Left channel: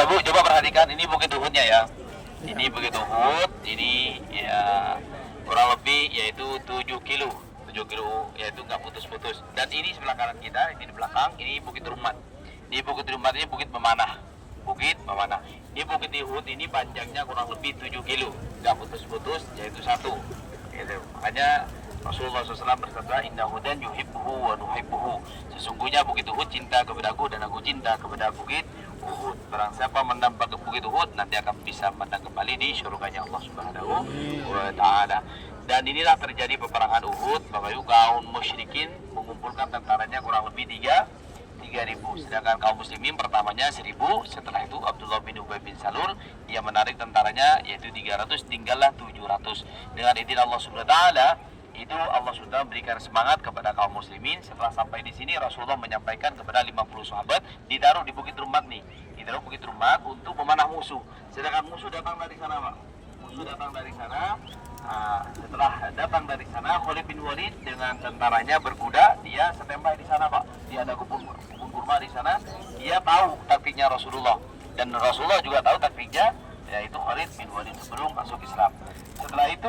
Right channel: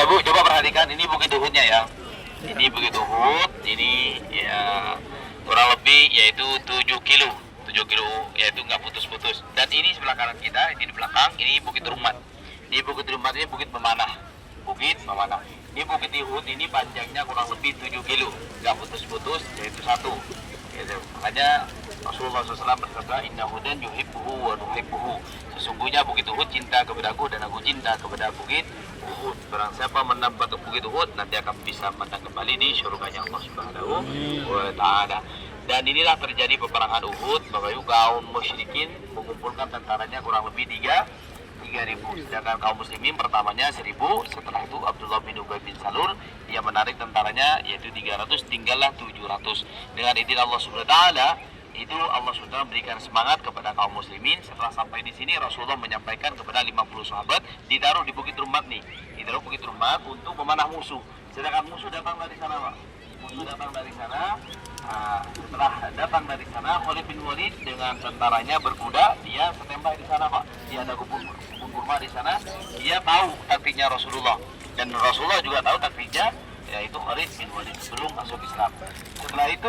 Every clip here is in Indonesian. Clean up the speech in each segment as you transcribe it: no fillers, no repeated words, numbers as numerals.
Bapak Ibu coba perhatikan, ini Bukit Uhudnya ya. Ini Bukit Uhud, ini ya kurang lebih yaitu 7 kilo. 7 kilo yaitu nggak putus-putus. Dan ini sebelah kanan kita, ini di belakang, ini Bukit Rumat. Di Bukit Rumat ini Bukit Memanah. Bukit Memanah. Di Bukit Uhud ini panjangnya kurang lebih 7 kilo, nggak putus-putus, yaitu satu. Gitu. Makanya Rasulullah SAW bersabda, Inna hudan yuhibbuhu wa nuhibbuhu. Sesungguhnya Bukit Uhud cinta kepadaku dan aku cinta kepada Bukit Uhud. Barang siapa menambah Bukit Uhud nanti akan bisa menang kembali di surganya Allah Subhanahu wa Ta'ala. Dan inilah terjadi peperangan Uhud. Bapak Ibu, kaum musyrikin mengumpulkan tentaranya kurang lebih 3.000. Sedangkan kaum muslimin pertamanya 1.000. Setelah itu Abdullah bin Ubay bin Salul dia menarik tentaranya yaitu 300, tinggallah 700. Dengan izin Allah Subhanahu wa Ta'ala itu Allah sudah memberikan semangat kepada kaum muslimin. Setelah sampai di sini Rasulullah menyampaikan kepada 50 sahabat ditaruh di Bukit Rumat nih. Ditaruh Bukit Rumat untuk memanah musuh. Sedangkan musuh datang dari sana, Pak. Musuh datang dari sana. Nah, setelah datang dari sana, Khalid bin Walid dengan tentaranya berkuda, dia standby di sana, Pak. Dia ada kebun kurma di sana. Dia tahu taktiknya Rasulullah dan Rasulullah juga tahu taktiknya, yaitu Khalid bin Walid sebelum masuk Islam. Setelah itu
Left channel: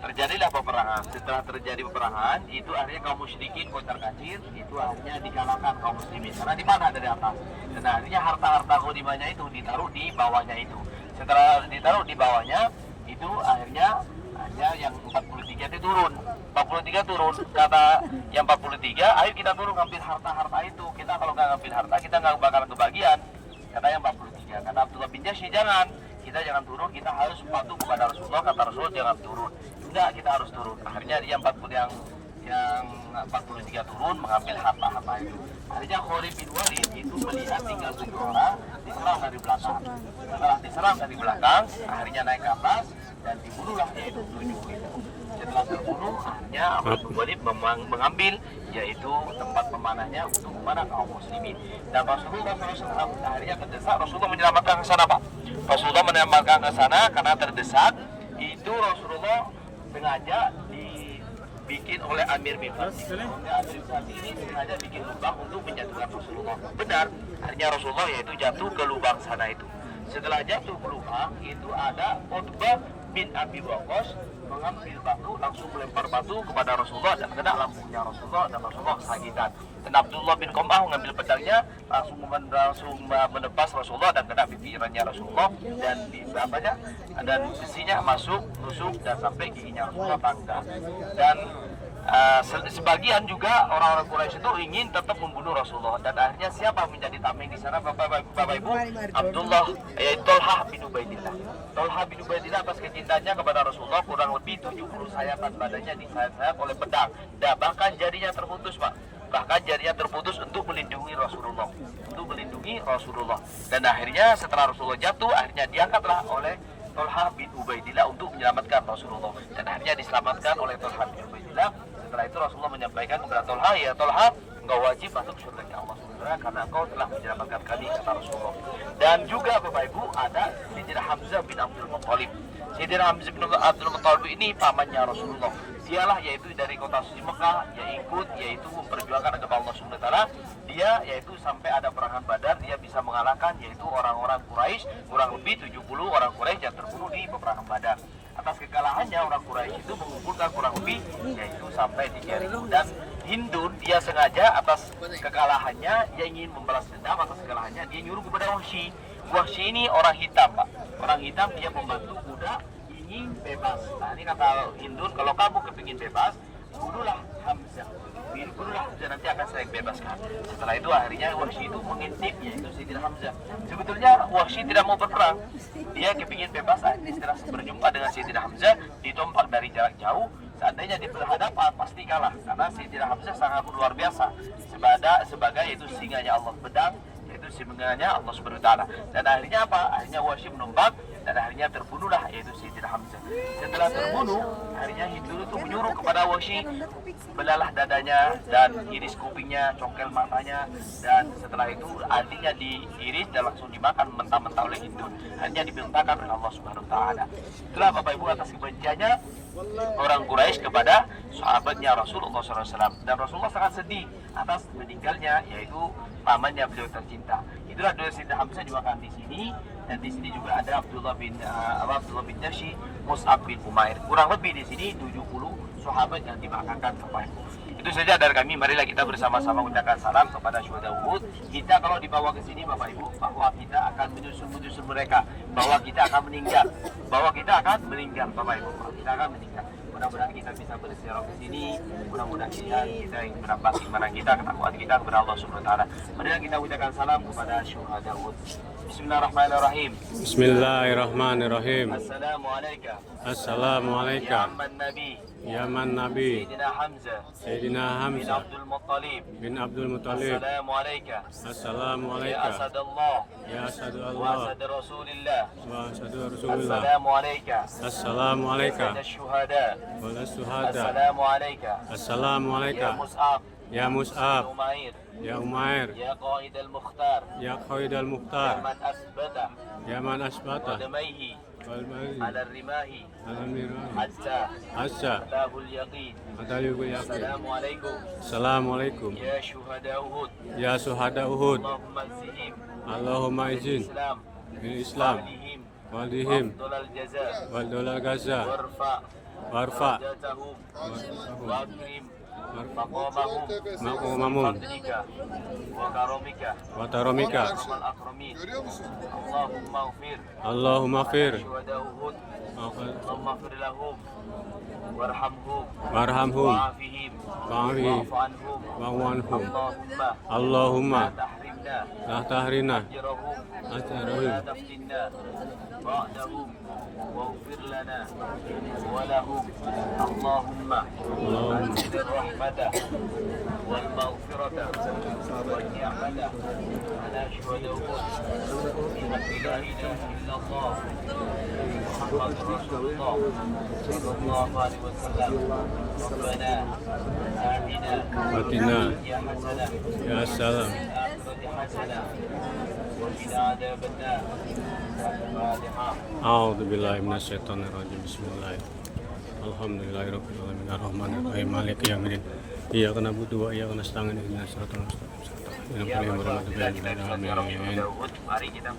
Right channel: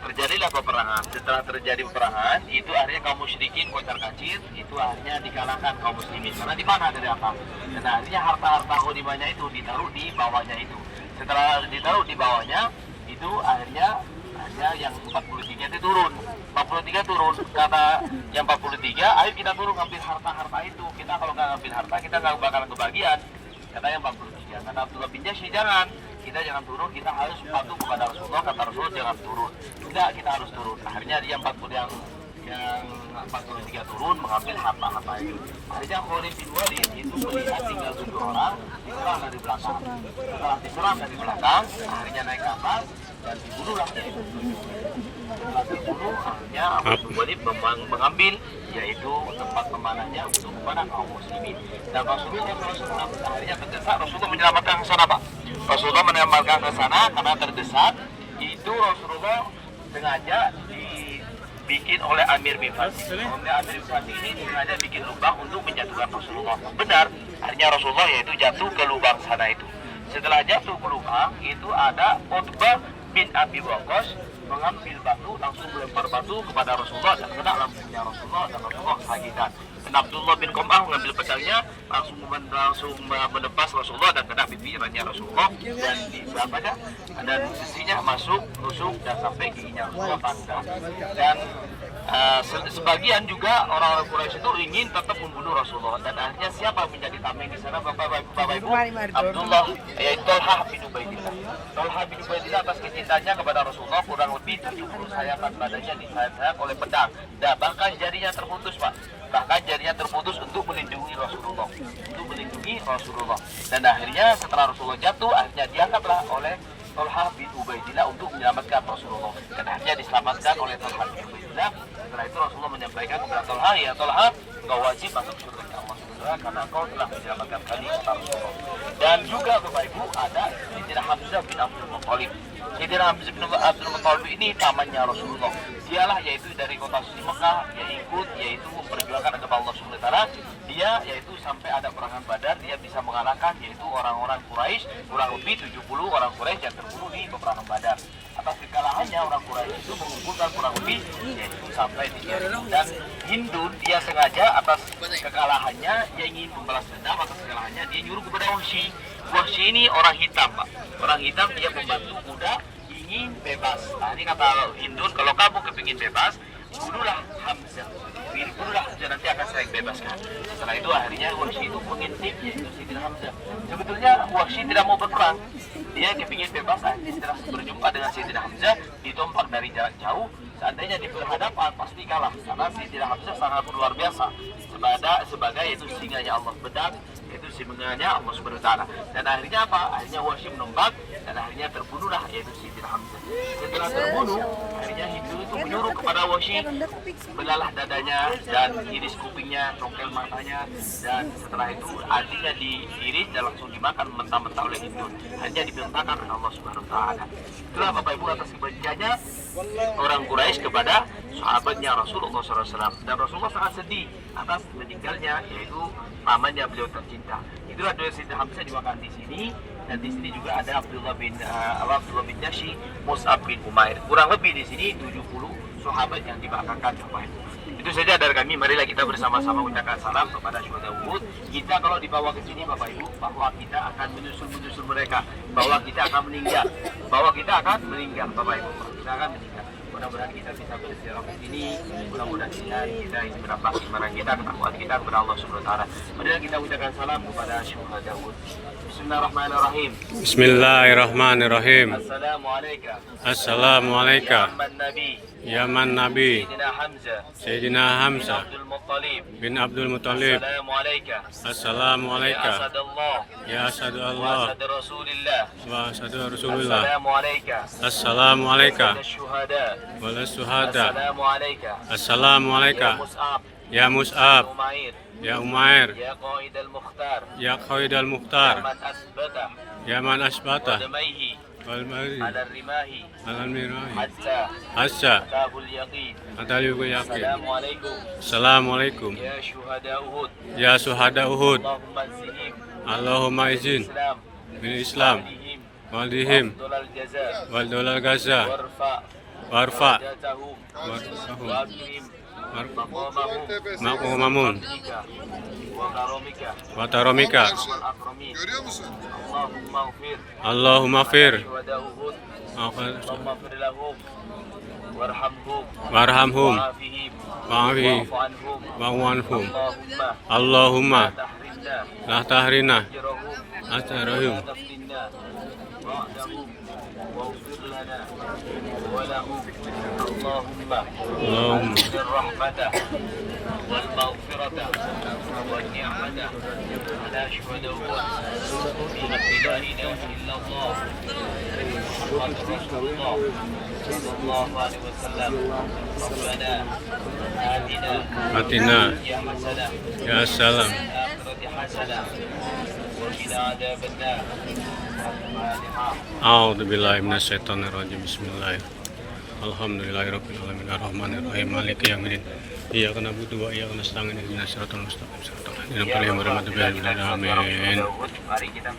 terjadilah peperangan. Setelah terjadi peperangan, itu akhirnya kaum musyrikin kocar-kacir, itu akhirnya dikalahkan kaum muslimin. Karena di mana dari apa? Dan akhirnya harta-harta ghanimahnya itu ditaruh di bawahnya itu. Setelah ditaruh di bawahnya, itu akhirnya yang 43 itu turun. 43 turun, kata yang 43, ayo kita turun ngambil harta-harta itu. Kita kalau nggak ngambil harta, kita nggak bakalan kebagian. Kata yang 43, kata Abdullah bin Jahsy, jangan, kita jangan turun, kita harus patuh kepada Rasulullah. Kata Rasulullah jangan turun. Tidak, kita harus turun. Akhirnya dia yang 43 turun mengambil harta-harta itu. Akhirnya Khalid bin Walid itu melihat tinggal 7 orang diserang dari belakang. Setelah diserang dari belakang, akhirnya naik ke atas dan dibunuhlah yaitu 7. Setelah terbunuh, akhirnya Abu bin Walid mengambil yaitu tempat pemanahnya untuk memanah kaum muslimin. Dan Rasulullah SAW akhirnya terdesak, Rasulullah menyelamatkan ke sana, Pak. Rasulullah menyelamatkan ke sana karena terdesak. Itu Rasulullah sengaja dibikin oleh Amir bin Fatih. Amir bin Fatih ini sengaja bikin lubang untuk menjatuhkan Rasulullah. Benar, akhirnya Rasulullah yaitu jatuh ke lubang sana itu. Setelah jatuh ke lubang, itu ada Utbah bin Abi Waqqas mengambil batu, langsung melempar batu kepada Rasulullah dan kena lambungnya Rasulullah dan Rasulullah kesakitan. Dan Abdullah bin Qam'ah mengambil pedangnya, langsung menepas Rasulullah dan kena pipirannya Rasulullah dan di sahabatnya dan sisinya masuk tusuk dan sampai giginya Rasulullah patah. Dan sebagian juga orang Quraisy itu ingin tetap membunuh Rasulullah dan akhirnya siapa menjadi tameng di sana, Bapak Ibu? Abdullah, yaitu Tolhah bin Ubaidillah. Tolhah bin Ubaidillah atas kecintanya kepada Rasulullah kurang lebih 70 sayatan badannya disayat oleh pedang dan bahkan jarinya terputus, Pak. Bahkan jarinya terputus untuk melindungi Rasulullah, dan akhirnya setelah Rasulullah jatuh, akhirnya diangkatlah oleh Tolhah bin Ubaidillah untuk menyelamatkan Rasulullah dan akhirnya diselamatkan oleh Tolhah bin Ubaidillah. Setelah itu Rasulullah menyampaikan kepada Tolhah, ya Tolhah, engkau wajib masuk surga Allah SWT karena engkau telah menyelamatkan kami, kata Rasulullah. Dan juga Bapak Ibu ada Sayyidina Hamzah bin Abdul Muttalib. Sayyidina Hamzah bin Abdul Muttalib ini pamannya Rasulullah. Dialah yaitu dari kota suci Mekah, dia ikut yaitu memperjuangkan agama Allah SWT. Dia yaitu sampai ada perangan Badar, dia bisa mengalahkan yaitu orang-orang Quraisy, kurang lebih 70 orang Quraisy yang terbunuh di peperangan Badar. Atas kekalahannya orang Quraisy itu mengumpulkan kurang lebih yaitu sampai 3.000. Dan Hindun dia sengaja atas kekalahannya, dia ingin membalas dendam atas kekalahannya, dia nyuruh kepada Wahsy. Wahsy ini orang hitam, Pak. Orang hitam, dia membantu kuda ingin bebas. Nah ini kata Hindun, kalau kamu kepingin bebas, bunuhlah Hamzah. Bunuhlah Hamzah, nanti akan saya bebaskan. Setelah itu akhirnya Wahsy itu mengintip yaitu Sayyidina Hamzah. Sebetulnya Wahsy tidak mau berperang, dia kepingin bebas. Setelah berjumpa dengan Sayyidina Hamzah, ditompak dari jarak jauh. Seandainya di berhadapan pasti kalah karena Sayyidina Hamzah sangat luar biasa sebagai itu singanya Allah, pedang itu singanya Allah Subhanahu wa Ta'ala. Dan akhirnya apa? Akhirnya Wahsy menembak dan akhirnya terbunuhlah yaitu Sayyidina Hamzah. Setelah terbunuh, akhirnya Hindu itu menyuruh kepada Wahsy, belalah dadanya dan iris kupingnya, congkel matanya, dan setelah itu adiknya diiris dan langsung dimakan mentah-mentah oleh Hindu. Hanya dibentangkan oleh Allah Subhanahu wa Ta'ala. Itulah Bapak Ibu atas kebenciannya orang Quraisy kepada sahabatnya Rasulullah SAW. Dan Rasulullah sangat sedih atas meninggalnya yaitu pamannya beliau tercinta. Itulah doa Sayyidina Hamzah dimakan di sini, dan di sini juga ada Abdullah bin Jashi, Mus'ab bin Umair. Kurang lebih di sini 70 sahabat yang dimakamkan Bapak Ibu. Itu saja dari kami. Marilah kita bersama-sama mengucapkan salam kepada syuhada Uhud. Kita kalau dibawa ke sini Bapak Ibu, bahwa kita akan menyusul mereka, bahwa kita akan meninggal, Bapak Ibu, kita akan meninggal. Mudah-mudahan kita bisa berziarah ke sini. Mudah-mudahan kita menambah iman kita, ketakwaan kita kepada Allah Subhanahu wa taala. Marilah kita ucapkan salam kepada syuhada Uhud. Bismillahirrahmanirrahim. Bismillahirrahmanirrahim. Assalamualaikum. Assalamualaikum. Ya Ya man Nabi Sayyidina Hamzah Sayyidina Hamzah bin Abdul Muttalib. Assalamualaikum. Ya asadu Allah wa asadu Rasulullah. Assalamualaikum. Wala syuhada. Assalamualaikum. Ya Mus'ab. Ya Umair. Ya Qaid al-Mukhtar. Ya man asbata. Wal mari. Alal mirahi. Hasya. Atal yakin. Assalamualaikum. Ya syuhada Uhud. Allahumma izin bil Islam walihim wal dolal Gaza warfa makumamun wataromika. Görüyor musun? Allahumma fir warhamhum wa'afi wa'wanhum. Allahumma la tahrina astarahum. واغفر لنا ولهم اللهم اللهم بالرحمة والمغفرة والنعمة على شهداء لا إله إلا الله محمد رسول الله صلى الله عليه وسلم. ربنا آتنا atina حسنة ya salam. الآخرة حسنة وقنا عذاب النار. A'udzu billahi minasyaitonir rajim. Bismillahirrahmanirrahim. Alhamdulillahirabbil alamin arrahmanir rahim maliki yaumiddin. Iyyaka na'budu wa iyyaka nasta'in ihdinas siratal mustaqim. Shiratal ladzina an'amta 'alaihim ghairil maghdubi 'alaihim waladdallin. Amin. Mari kita